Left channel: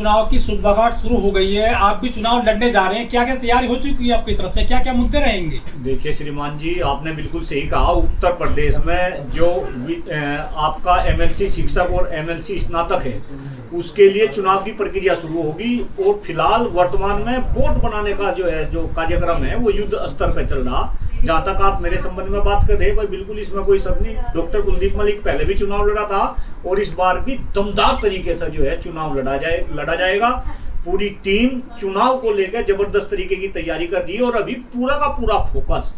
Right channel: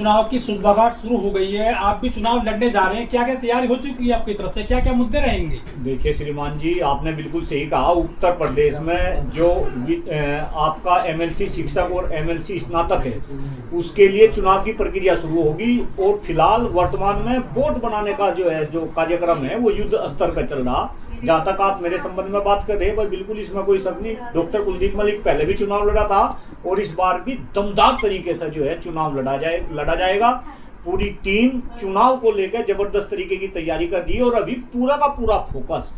चुनाव की सुगबगाहट शुरू हो गई है, आप भी चुनाव लड़ने जा रहे हैं, क्या क्या तैयारी हो चुकी है आपकी तरफ से, क्या क्या मुद्दे रहेंगे? देखिए श्रीमान जी, आपने बिल्कुल सही कहा। उत्तर प्रदेश में जो आपका एमएलसी शिक्षक और एमएलसी स्नातक है, उसके लिए चुनाव की प्रक्रिया शुरू होगी। और फिलहाल वर्तमान में बोर्ड बनाने का जो कार्यक्रम है वो युद्ध स्तर पर चल रहा। जहाँ तक आप मेरे संबंध में बात कर रहे हैं भाई, बिल्कुल इसमें कोई शक नहीं। डॉक्टर कुलदीप मलिक पहले भी चुनाव लड़ा था और इस बार भी दमदार तरीके से जो है चुनाव लड़ा जाएगा। पूरी टीम चुनाव को लेकर जबरदस्त तरीके की तैयारी कर रही है और अभी पूरा का पूरा फोकस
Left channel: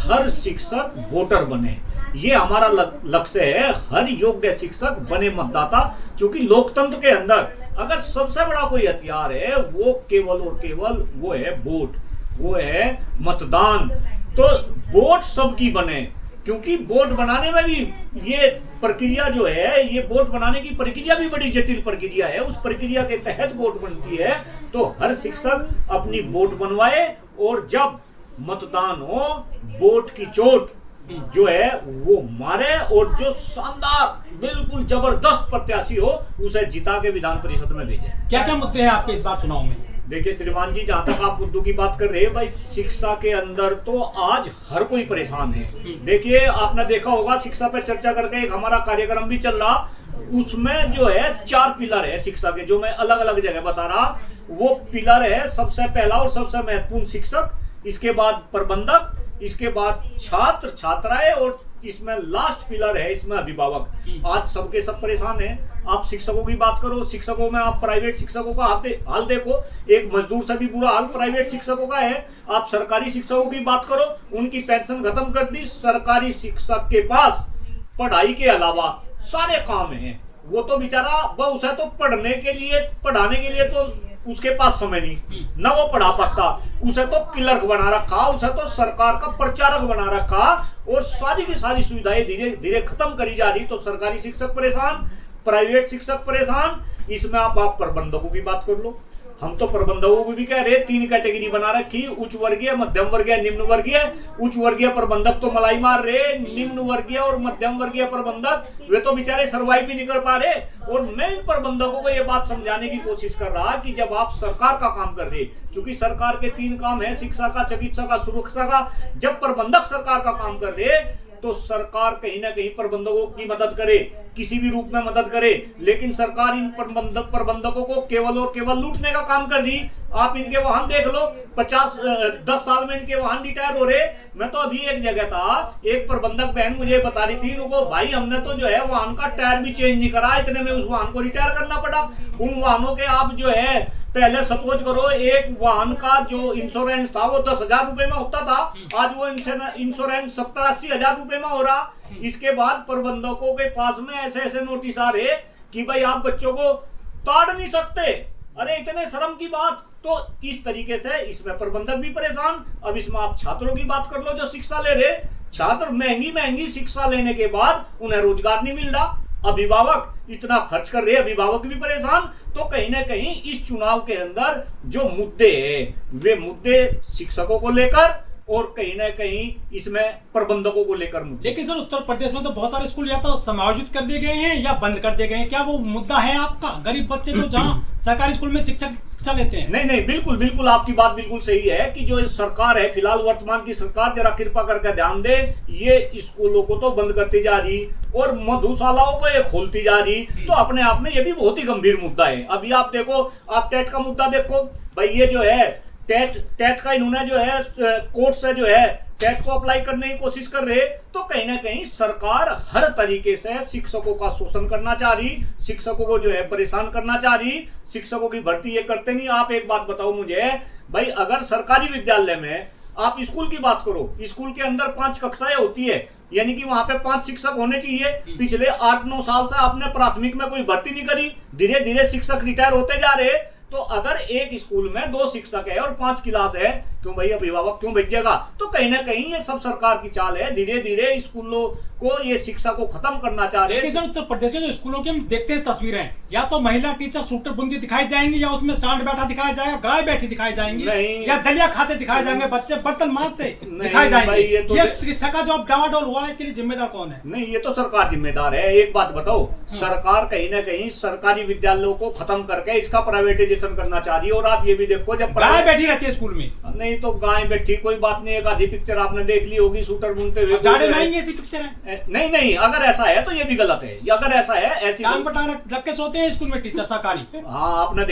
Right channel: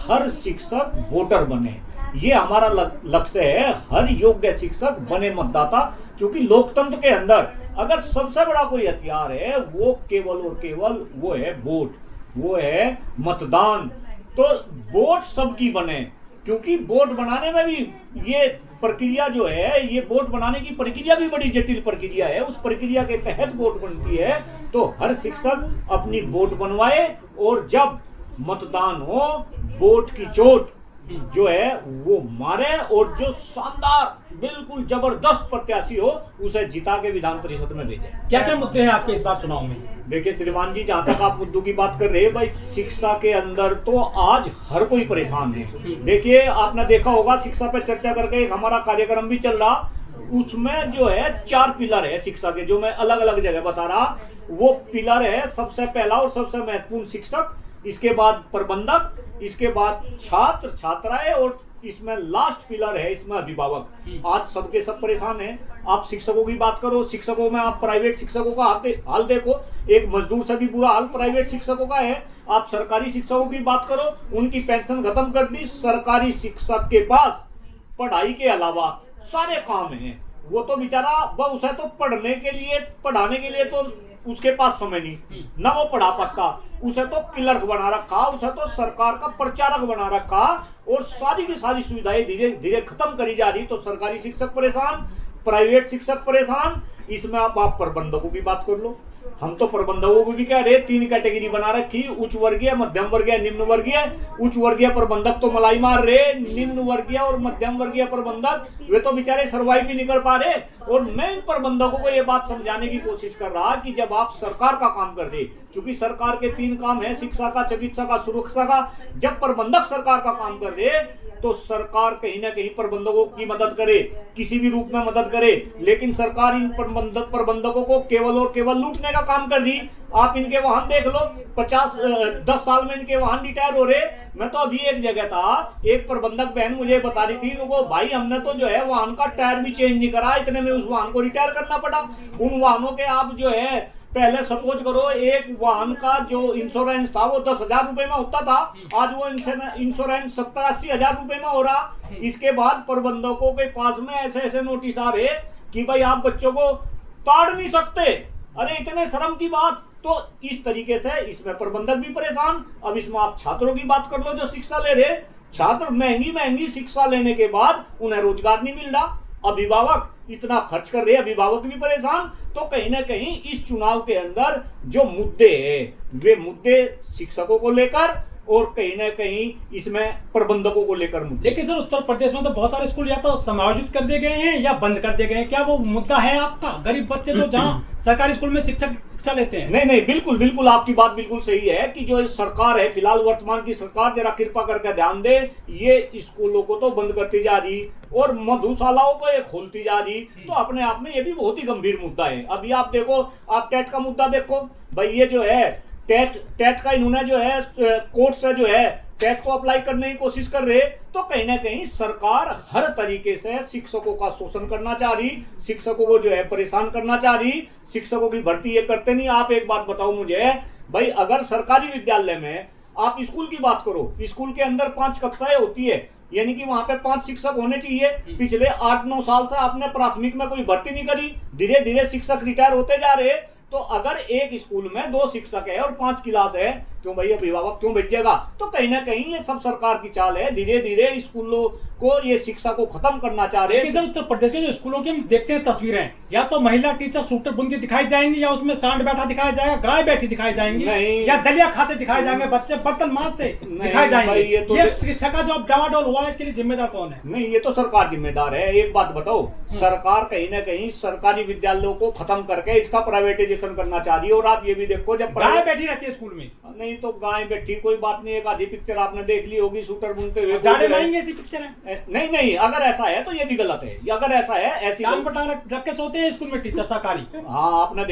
हर शिक्षक वोटर बने, ये हमारा लक्ष्य है। हर योग्य शिक्षक बने मतदाता, क्योंकि लोकतंत्र के अंदर अगर सबसे बड़ा कोई हथियार है वो केवल और केवल वो है वोट, वो है मतदान। तो वोट सबकी बने, क्योंकि वोट बनाने में भी ये प्रक्रिया जो है, ये वोट बनाने की प्रक्रिया भी बड़ी जटिल प्रक्रिया है। उस प्रक्रिया के तहत वोट बनती है। तो हर शिक्षक अपनी वोट बनवाए और जब मतदान हो, वोट की चोट जो है वो मारे और जो शानदार बिल्कुल जबरदस्त प्रत्याशी हो उसे जिता के विधान परिषद में भेजे। क्या क्या मुद्दे हैं आपके इस बार चुनाव में? देखिए श्रीमान जी, जहाँ तक आप मुद्दों की बात कर रहे हैं भाई, शिक्षा के अंदर तो आज हर कोई परेशान है। देखिए आपने देखा होगा, शिक्षा पे चर्चा करके एक हमारा कार्यक्रम भी चल रहा, उसमें जो है 4 पिलर है शिक्षा के, जो मैं अलग अलग जगह बता रहा। वो पिलर है, सबसे पहला और सबसे महत्वपूर्ण शिक्षक, इसके बाद प्रबंधक, इसके बाद छात्र छात्राएं और इसमें लास्ट पिलर है इसमें अभिभावक। आज सबके सब परेशान हैं। आप शिक्षकों की बात करो, शिक्षकों में आप प्राइवेट शिक्षकों का हाल देखो, एक मजदूर से भी बुरा हाल प्राइवेट शिक्षकों का है। आप सरकारी शिक्षकों की बात करो, उनकी पेंशन खत्म कर दी। सरकारी शिक्षक के पास पढ़ाई के अलावा सारे काम हैं। वो तो बेचारा उसे तो पढ़ाने के लिए तो उसके पास समय नहीं, ना वो पढ़ा पाता। उसे तो क्लर्क बना रखा, उसे तो सरकार का प्रचारक बना रखा और सारी की सारी सुविधाएं धीरे धीरे खत्म करी जा रही। तो सरकारी शिक्षक परेशान, प्राइवेट शिक्षक परेशान। इसमें आप प्रबंधकों की बात कर लो, हम तो प्रबंधकों को भी कह रहे 3 कैटेगरी बना रखी, उच्च वर्गीय, मध्यम वर्गीय, निम्न वर्गीय। उच्च वर्गीय प्रबंधक तो मलाई मार रहे, निम्न वर्गीय और मध्यम वर्गीय प्रबंधक वे तो बेचारे सर्वाइव भी नहीं कर पा रहे। और मैं इन प्रबंधकों को ये बात समझाने की कोशिश कर रहा कि जब आप सरकार का काम कर रहे, क्योंकि सरकार के 3 काम है, शिक्षा का, चिकित्सा का, सुरक्षा का। जब प्रबंधक सरकार का काम कर रहे तो सरकार कहीं ना कहीं प्रबंधकों की मदद करे, किसी भी रूप में मदद करे। लेकिन सरकार इन प्रबंधकों को केवल और केवल लूटने का काम कर रही। आप इनके वाहन देख लो, 10 साल में इनके वाहन रिटायर हो रहे। मैं तो अभी एक जगह था, एक प्रबंधक बहन मुझे बता रही थी, उनको भाई हमने तो जो है वाहन का टायर भी चेंज नहीं करा, इतने में उस वाहन को रिटायर करना पड़ा। उन वाहनों के आप जो है, पहले सपोज करो एक वाहन का जो इंश्योरेंस था वो 10,000 रुपए में होता था, आज वो इंश्योरेंस 70-80 हजार रुपए में हो रहा। इसके बाद प्रबंधकों के पास में ऐसे ऐसे नोटिस आ रहे कि भाई आप बच्चों को ताड़ नहीं सकते। अरे इतने शर्म की बात। तो इस तरीके से इसमें प्रबंधक भी परेशान। अब इसमें आप छात्रों की बात कर लो जो शिक्षा ले रहे, छात्र महंगी शिक्षा लेने के बाद उन्हें रोजगार नहीं मिल रहा। अभिभावक इतना खर्च कर रहे, अभिभावक भी परेशान। तो कहीं ना कहीं इस चुनाव के अंदर जो मुद्दे हैं वे मुद्दे शिक्षकों को लेकर और कहीं ना कहीं इसमें प्रबंधकों को लेकर मुद्दे। लेकिन सर उत्तर प्रदेश में तो बहुत सारे स्कूल या तो समायोजित कर दिए गए हैं या बंद कर दिए गए हैं, क्या वो मुद्दा है आपका? गरीब बच्चे तो जहाँ सरकारी स्कूल में शिक्षा लेते हैं। नहीं, बिल्कुल आपकी बात बिल्कुल सही है कि जो सरकार है, फिलहाल वर्तमान की सरकार जरा कृपा करके ध्यान दे, ये स्कूलों को तो बंद करती जा रही और मधुशालाओं को ये खोलती जा रही। तो अपने आप में ये भी बहुत ही गंभीर मुद्दा है। अभी आप देखो, आप टेट का मुद्दा देखो भाई, ये जो है टेट का इन्होंने जो है कोर्ट से जो है टेट को अप्लाई करने की कोशिश कर रहे। तो कहीं ना कहीं सरकार हर तरीके से शिक्षकों का शोषण करना चाह रही, शिक्षकों को जो है परेशान करना चाह रही। शिक्षकों की भर्ती ये करते नहीं। आप एक बात बताओ मुझे भाई, अगर सरकारी विद्यालय में आप स्कूल की बात करो, स्कूल के अंदर 5 कक्षाएं होती है, यानी कि वहां पे 5 शिक्षक होने चाहिए। पिछले 8-9 साल से आपने प्राथमिक में कोई भर्ती नहीं करी, धीरे धीरे शिक्षक रिटायर होते जा रहे। तो अगर एक स्कूल में 2 शिक्षक है और 5 क्लास है, क्यों भाई अभिभावक क्यों भेजेगा? तो कहीं ना कहीं ये सब सरकार की चाल है, धीरे धीरे स्कूलों को ये शिक्षा को खत्म करना चाह रहे हैं। उत्तर प्रदेश के जो स्कूलों की हम देखते हैं तस्वीरें, या तो महिला टीचर सूटर बुनती दिखाई जाएंगी, या उसमें सांड बैठा दिखाया जाएगा, गाय बैठी दिखाई जाएंगी, या दलिया खाते दिखाए जाएंगे, बच्चे बर्तन मांजते दिखाए जाएंगे। ये शिक्षा का जो डामाडोल हुआ है, इसके लिए जिम्मेदार कौन है? नहीं, ये तो सरकार जिम्मेदार है। एक बात बताओ, सरकार कहीं ना कहीं सरकारी विद्यालयों को खत्म करके इसका प्राइवेटाइजेशन करना चाह रही है। और आप ये भी देखो, जब गाय बैठी रहती है स्कूल में, नहीं तो गाय बैठी कोई बात नहीं, एक आधी पिक्चर आपने देख ली होगी सूटर बुनते हुए, जाड़े महंगे ऐसी पिक्चर है। नहीं, अगर ऐसा है तो ये भी गलत है। अगर ऐसा है, ऐसी टांग पर टांग रख के सोते हैं स्कूल में टीचर सरकारी। हाँ, आपने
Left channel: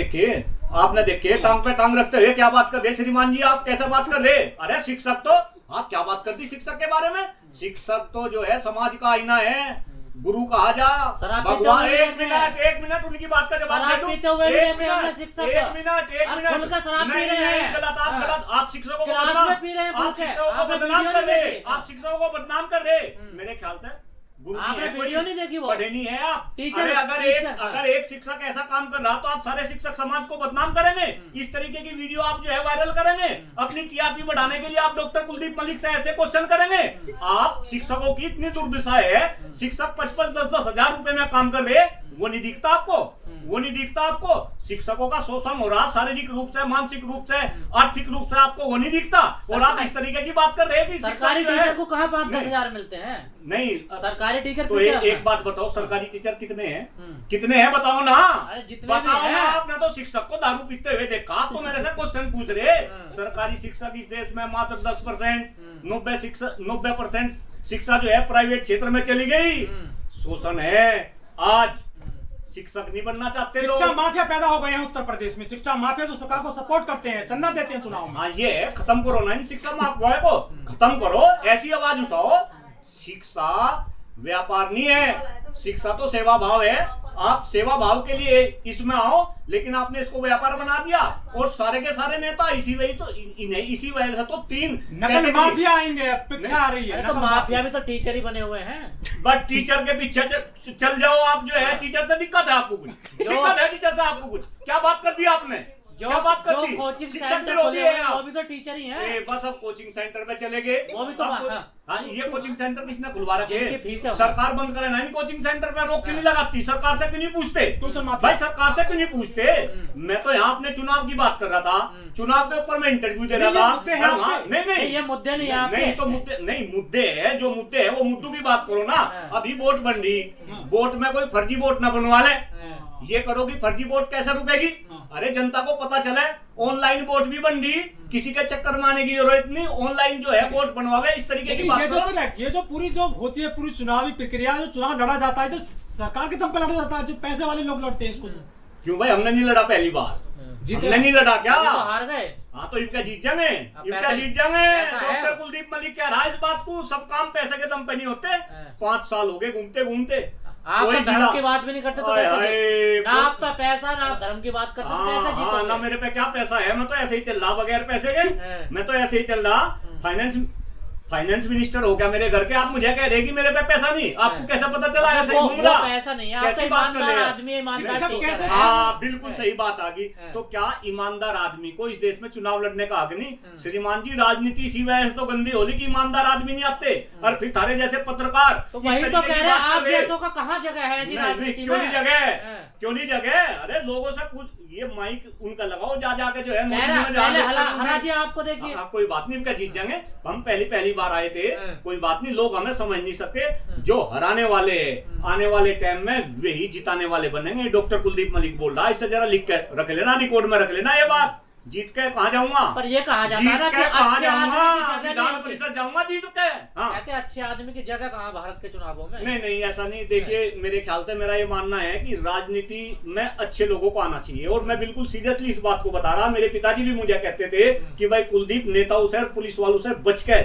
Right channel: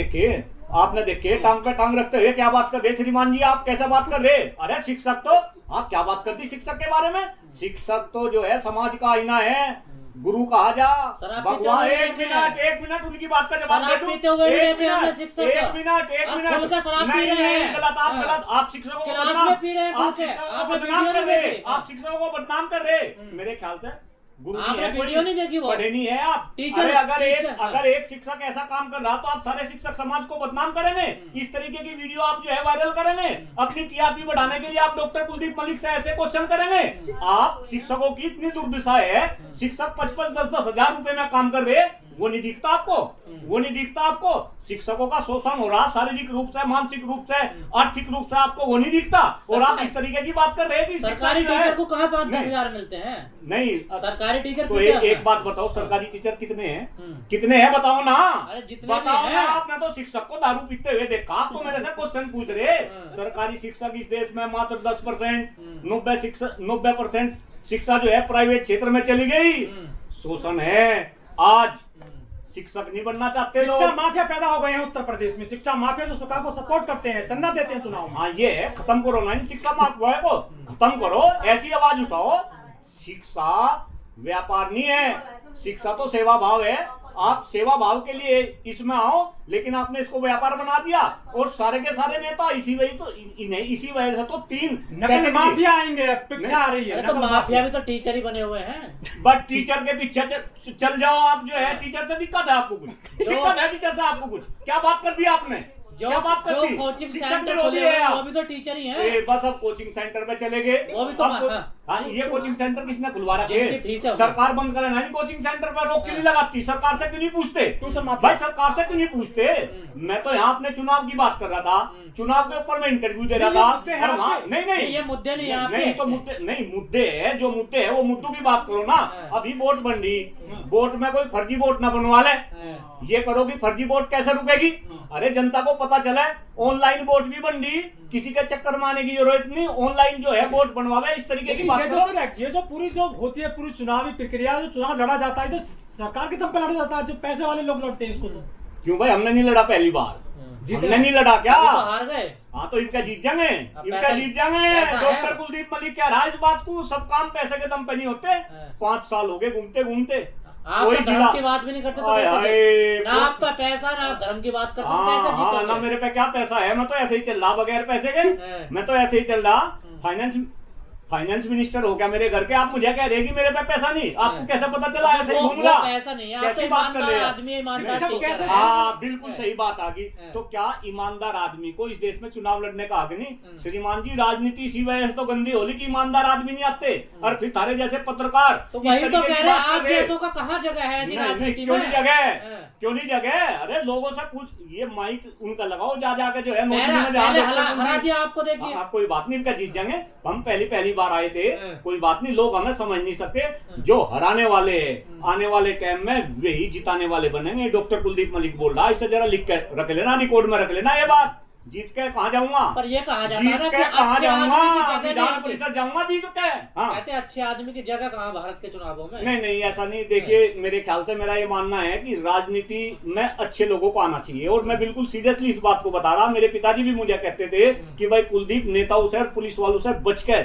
देखे टांग पे टांग रखते हुए क्या बात कर रहे श्रीमान जी, आप कैसे बात कर रहे? अरे शिक्षक तो, आप क्या बात कर दी शिक्षक के बारे में? शिक्षक तो जो है समाज का आईना है, गुरु कहा जा भगवान। एक मिनट उनकी बात का जवाब दे दूं। एक मिनट नहीं, गलत, आप शिक्षकों को बदनाम कर रहे। मेरे ख्याल से गुरु वीडियो नहीं देखी, वो पढ़े नहीं है आप टीचर। अगर एक शिक्षक ऐसा काम कर रहा तो आप सारे शिक्षक समाज को बदनाम करेंगे। इस तरीके की वीडियो आप जो है वायरल करेंगे, अपनी टीआरपी बढ़ाने के लिए आप डॉक्टर कुलदीप मलिक से ऐसे क्वेश्चन करेंगे। आप शिक्षकों की इतनी दुर्दशा है, शिक्षक 5-10 हजार रुपए में काम कर रहे, वो नहीं दिखता आपको? वो नहीं दिखता आपको? शिक्षकों का शोषण हो रहा, शारीरिक रूप से, मानसिक रूप से, आर्थिक रूप से, आपको वो नहीं दिखता? और आप इस तरीके की बात कर रहे हैं कि सरकारी टीचर को कहाँ 5-10 हजार मिलते हैं? नहीं, सरकारी टीचर तो एक बात बताओ, सरकारी टीचर कितने हैं? कितने हैं बताओ ना। अरे जितने बताओ ना। आपने तो शिक्षक को दारू पीते हुए देखा, आप तो मेरे से क्वेश्चन पूछ रहे। सरकारी शिक्षक इस देश में मात्र 10%, 90% शिक्षा जो है प्राइवेट क्षेत्र में चली गई। शोषण है। आज शिक्षक नहीं बनना चाहते लोग। शिक्षा माफिया पैदा हो गए हैं उत्तर प्रदेश में। शिक्षा माफिया जो सरकार को सपोर्ट करते हैं, चंदा देते हैं चुनाव में। हाँ, ये है, खत्म करो ना इन शिक्षा माफिया को, खत्म करो। ऐसी आवाज उठाओ, शिक्षा व्यापार नहीं है, शिक्षा तो सेवा भाव है। आप सेवा भाव के लिए इसमें आओ, लेकिन आपने इसको व्यापार बना दिया। और सारे के सारे नेता इसी वजह से तो 3 नकल माफिया आएंगे, पिक्चर आ रही है। तो माफिया भी तो टीचर ही बने हुए हैं। बट टीचर के पीछे चल जाओ आप, जो है टीचर से दिक्कत है आपको कुछ? दिक्कत है टीचर से आपको कुछ? क्या बात कर दी आपने? क्या बात कर दी? कोचिंग शिक्षक सेंटर विरोधी है आप। वो भी तो टीचर ही हैं। बस अब कोचिंग सेंटर पे चले गए। वो भी तो हाँ, ये कोचिंग सेंटर किसने खुलवा रखे? फीस है। सरकार बंद करे ना, कोचिंग सेंटर पर रोक क्यों नहीं लगाती? सरकार से क्यों नहीं पूछते? भाई सरकार से क्यों नहीं पूछते? मैं तो यहाँ अपने चुनाव की बात कर रहा था, चुनाव के ऊपर मैं इंटरव्यू दे रहा था। नहीं, ये मुद्दे नहीं है। नहीं तो मुद्दे है, जो मुद्दे है वो मुद्दों की बात करो ना। अभी वोट बन रही, वोट में कोई फर्जी वोट ना बनवा ले। ये करो कि फर्जी वोट कैसे रुकेगी? अरे जनता को पता चले, ऑनलाइन वोट भी बन रही, किसी के चक्कर में आने की जरूरत नहीं, ऑनलाइन जो है वोट बनवावे। इस तरीके की बात ये जो पूरी जो होती है, पूरी चुनावी प्रक्रिया, जो चुनाव लड़ा जाता है, जो सरकार के दम पर लड़ा जाता है, जो पैसे वाले लोग लड़ते हैं इसको। तो क्यों भाई, हमने नहीं लड़ा पहली बार? हमने नहीं लड़ा क्या? तो हार गए। हाँ, तो इनका जीत जाएंगे, इनका जीत जाएंगे। डॉक्टर कुलदीप मलिक कह रहा है इस बात को, सब काम पैसे के दम पे नहीं होते। 5 साल हो गए घूमते घूमते, आप तो धर्म की बात भी नहीं करते, तो कैसे? ना आप तो पैसा, ना आप धर्म की बात करते, तो कैसे जीतोगे? ना मेरे पे क्या पैसा है, मैं तो ऐसे ही चल रहा बगैर पैसे के। मैं तो ऐसे ही चल रहा। फाइनेंस मिनिस्टर हो गया मेरे घर के, आप मुझे कह रहे कि मेरे पे पैसा नहीं? आपको कैसे पता चला? ऐसे घूम रहा, पैसा नहीं है। कैसी बात कर रहे हैं? हाँ, बिल्कुल सही बात आ गई। तो क्या ईमानदार आदमी को इस देश में चुनाव लड़ने का हक नहीं? श्रीमान जी, राजनीति इसी वजह से तो गंदी होली कि ईमानदार आदमी नहीं आते, और फिर थारे जैसे पत्रकार तो वही तो कह रहे हैं, आप जैसों का कहाँ जगह है ऐसी राजनीति में? क्यों नहीं जगह? क्यों नहीं जगह? अरे लोगों से पूछ, ये माइक उनका लगाओ, जा जाके जो है हरा दिया आपको। देखिए, कोई बात नहीं, इनका जीत जाएंगे। हम पहली बार आए थे, कोई बात नहीं, लोग हमें समझ नहीं सकते। जो हराने वाले आने वाले टाइम में वही जिताने वाले बनेंगे। डॉक्टर कुलदीप मलिक बोल रहा है, इसे जरा लिख के रख लेना, रिकॉर्ड में रख लेना ये बात। जीत के कहाँ जाऊंगा? पर ये कहा जाता है कि अच्छे आदमी की जगह विधान परिषद जाऊंगा जीत के। हाँ, कहते हैं अच्छे आदमी की जगह कहाँ भारत के चुनावों में? नहीं, ऐसा नहीं। देखिए, मेरे ख्याल से मेरा ये मानना है कि राजनीति में अच्छे लोगों को आना चाहिए, और मैं बिल्कुल सीरियसली इस बात को बता रहा। मेरे पिताजी भी मुझे कहते थे कि भाई कुलदीप, नेताओं से और पुलिस वालों से बच के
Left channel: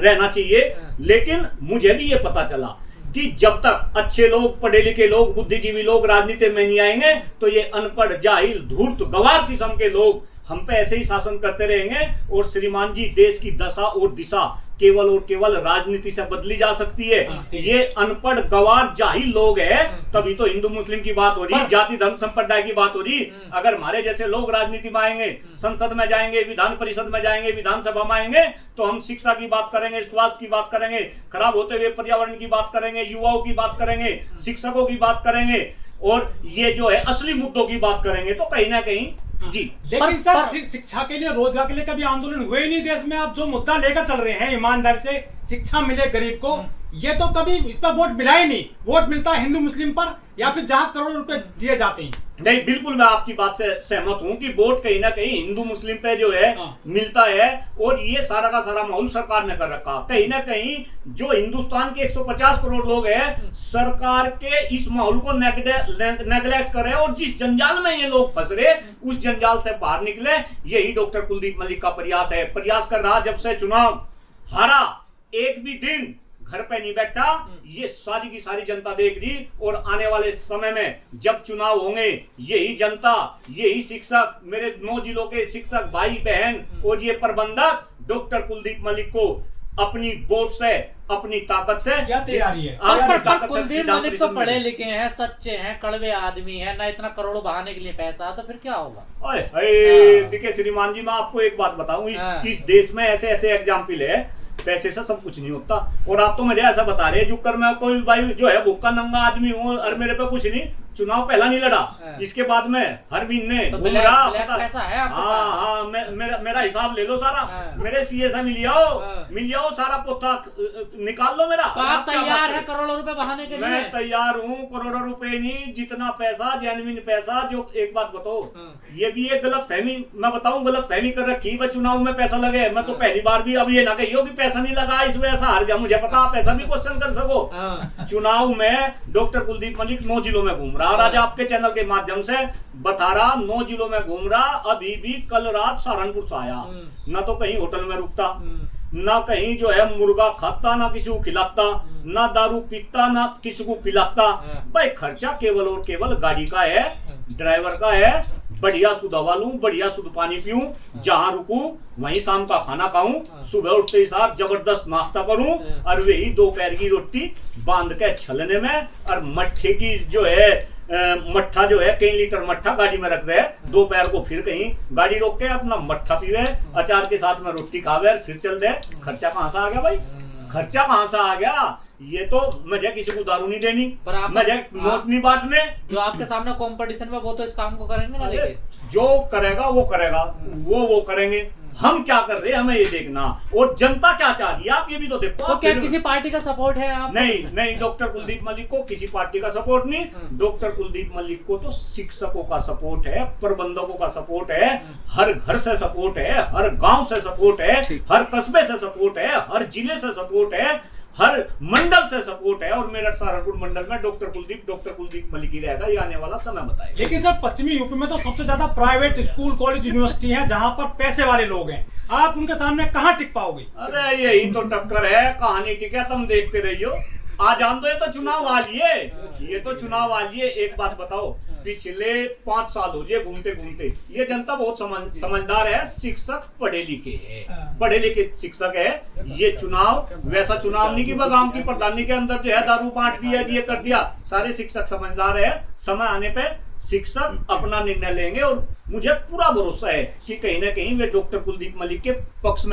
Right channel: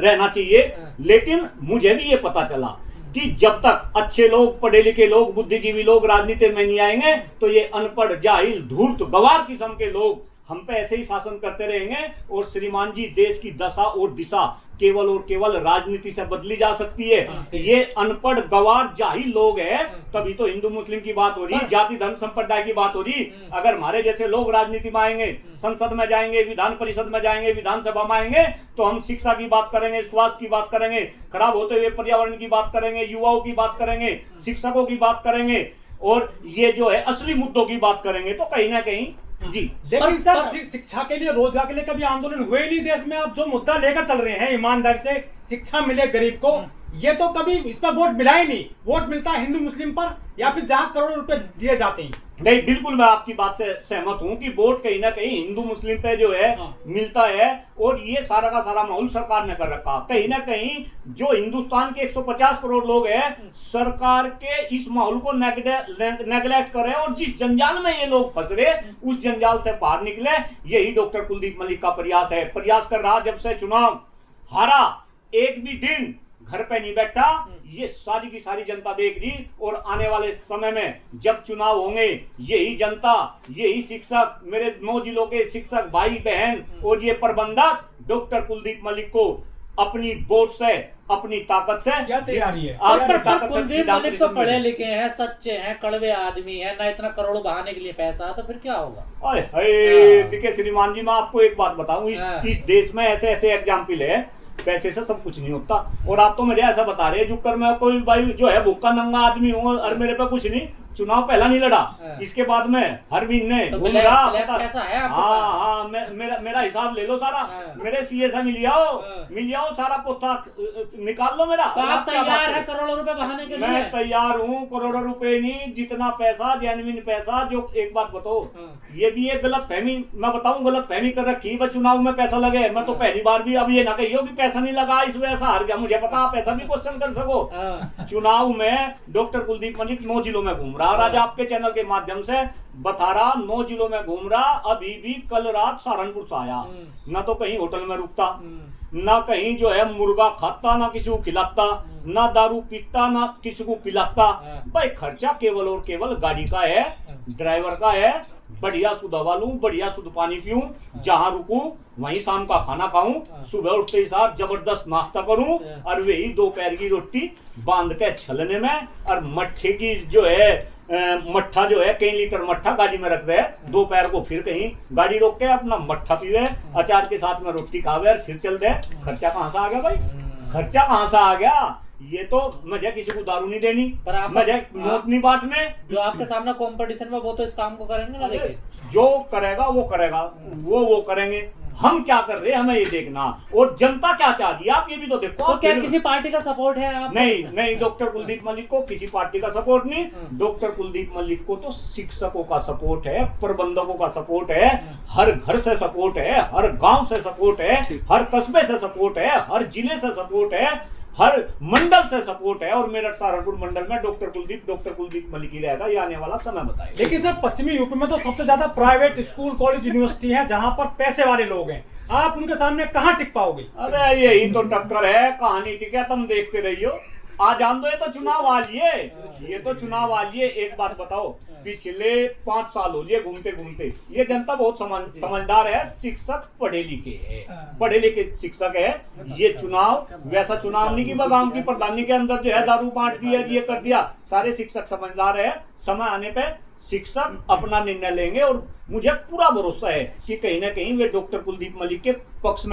रहना चाहिए। लेकिन मुझे भी ये पता चला कि जब तक अच्छे लोग, पढ़े लिखे लोग, बुद्धिजीवी लोग राजनीति में नहीं आएंगे, तो ये अनपढ़, जाहिल, धूर्त, गवार किस्म के लोग हम पे ऐसे ही शासन करते रहेंगे। और श्रीमान जी, देश की दशा और दिशा केवल और केवल राजनीति से बदली जा सकती है। ये अनपढ़ गवार जाहिल लोग हैं, तभी तो हिंदू मुस्लिम की बात हो रही, जाति धर्म संप्रदाय की बात हो रही। अगर हमारे जैसे लोग राजनीति में आएंगे, संसद में जाएंगे, विधान परिषद में जाएंगे, विधानसभा में आएंगे, तो हम शिक्षा की बात करेंगे, स्वास्थ्य की बात करेंगे, खराब होते हुए पर्यावरण की बात करेंगे, युवाओं की बात करेंगे, शिक्षकों की बात करेंगे, और ये जो है असली मुद्दों की बात करेंगे। तो कहीं ना कहीं जी, लेकिन सर शिक्षा के लिए, रोजगार के लिए कभी आंदोलन हुए ही नहीं देश में। आप जो मुद्दा लेकर चल रहे हैं, ईमानदारी से शिक्षा मिले गरीब को, ये तो कभी इसका वोट मिला ही नहीं। वोट मिलता है हिंदू मुस्लिम पर, या फिर जहां करोड़ों रुपए दिए जाते हैं। नहीं, बिल्कुल मैं आपकी बात से सहमत हूं कि वोट कहीं ना कहीं हिंदू मुस्लिम पे जो है मिलता है, और ये सारा का सारा माहौल सरकार ने कर रखा। कहीं ना कहीं जो हिंदुस्तान के 150 करोड़ लोग हैं, सरकार के इस माहौल को नेगलेक्ट करे, और जिस जंजाल में ये लोग फंस रहे, उस जंजाल से बाहर निकले। यही डॉक्टर कुलदीप मलिक का प्रयास है। प्रयास कर रहा, जब से चुनाव हारा, एक भी दिन घर पे नहीं बैठा। ये सारी की सारी जनता देख रही, और आने वाले समय में जब चुनाव होंगे, यही जनता, यही शिक्षक, मेरे 9 जिलों के शिक्षक भाई बहन और ये प्रबंधक डॉक्टर कुलदीप मलिक को अपनी वोट से, अपनी ताकत से, क्या तैयारी है? कुलदीप मलिक तो पढ़े लिखे हैं, सच्चे हैं, कड़वे आदमी हैं, ना इतना करोड़ों बहाने के लिए पैसा, तो फिर क्या होगा? देखिए श्रीमान जी, मैं आपको एक बात बताऊं, इस देश में ऐसे ऐसे एग्जाम्पल है, पैसे से सब कुछ नहीं होता। और आप तो मुझे ऐसा बता रहे, जो कर मैं कोई भाई जो है भूखा नंगा आदमी हूँ, और मेरे पे कुछ नहीं, चुनाव पहला नहीं लड़ा, इसके बाद में हर महीने तो घूम रहा। हाँ, मेरा हिसाब ले लो सारा, मेरे सीए से मिल जाओ सारा पोथा निकाल लो मेरा। आप तैयार है करोड़ों रुपए बहाने के लिए? मैं तैयार हूँ, करोड़ों रुपए नहीं, जितना पैसा, जेन्युइन पैसा। जो एक बात बताओ, ये भी एक गलत फहमी, मैं बताऊं गलत फहमी कर रखी है, चुनाव में पैसा लगे। मैं तो पहली बार भी, अब ये ना कहियो कि पैसा नहीं लगा इस वजह से हार गया, मुझे पता आप ऐसा भी क्वेश्चन कर सको। चुनाव में डॉक्टर कुलदीप मलिक 9 जिलों में घूम रहा, और आज आपके चैनल के माध्यम से बता रहा, 9 जिलों में घूम रहा। अभी भी कल रात सहारनपुर से आया, ना तो कहीं होटल में रुकता, ना कहीं जो है मुर्गा खाता, ना किसी को खिलाता, ना दारू पीता, ना किसी को पिलाता। भाई खर्चा केवल और केवल गाड़ी का है, ड्राइवर का है। बढ़िया शुद्ध हवा लूं, बढ़िया शुद्ध पानी पीऊं, जहां रुकूं वहीं शाम का खाना खाऊं, सुबह उठते ही साथ जबरदस्त नाश्ता करूं, और वही दोपहर की रोटी बांध के छलने में, और मट्ठे की जो है मट्ठा जो है, कई लीटर मट्ठा गाड़ी में रख रहे, दोपहर को फिर कहीं गाड़ी रोक के अपना मट्ठा पीवे, अचार के साथ में रोटी खावे, और फिर चल दे। खर्चा कहां से आ गया भाई? खर्चा कहां से आ गया? ये तो मुझे किसी को दारू नहीं देनी, मुझे नोट नहीं बांटने। जो आपके सामने कंपटीशन में, वो तो इस काम को करेंगे ना। लेकिन जो करेगा वो करेगा, वो करेंगे। हम क्या कर रहे हैं हमें ये देखना, और जनता क्या चाहती है आप ये भी तो देखो। तो क्या किसी पार्टी का सपोर्ट है आप? नहीं, डॉक्टर कुलदीप मलिक को किसी पार्टी का सपोर्ट नहीं। डॉक्टर कुलदीप मलिक को तो शिक्षकों का सपोर्ट है, प्रबंधकों का सपोर्ट है, हर घर से सपोर्ट है, हर गांव से सपोर्ट है, हर कस्बे से सपोर्ट है, हर जिले से सपोर्ट है, हर मंडल से सपोर्ट है। और मेरठ सहारनपुर मंडल में डॉक्टर कुलदीप मलिक ही रहेगा, ये आने वाला समय बताएगा। लेकिन सर पश्चिमी यूपी में तो सबसे ज्यादा प्राइवेट स्कूल, कॉलेज, यूनिवर्सिटी है, जहां पर पैसे वाले लोग हैं। आप उनके सामने कहां टिक पाओगे? अरे यही तो टक्कर है, कहानी टिके, तुम देखते रहियो। आ जान दो, ये तो चुनाव आ लिए। एक बात बताओ, पिछले 5 साल हो गए घूमते घूमते, ये जनता बहुत समझदार है, शिक्षक पढ़े लिखे शिक्षक है। ये चुनाव वैसा चुनाव नहीं कि गांव की प्रधानी के अंदर जो है दारू बांट दिया, ये कर दिया। सारे शिक्षक समझदार है, समय आने पे शिक्षक अपना निर्णय लेंगे, और मुझे पूरा भरोसा है कि कहीं ना कहीं वे डॉक्टर कुलदीप मलिक के पक्ष में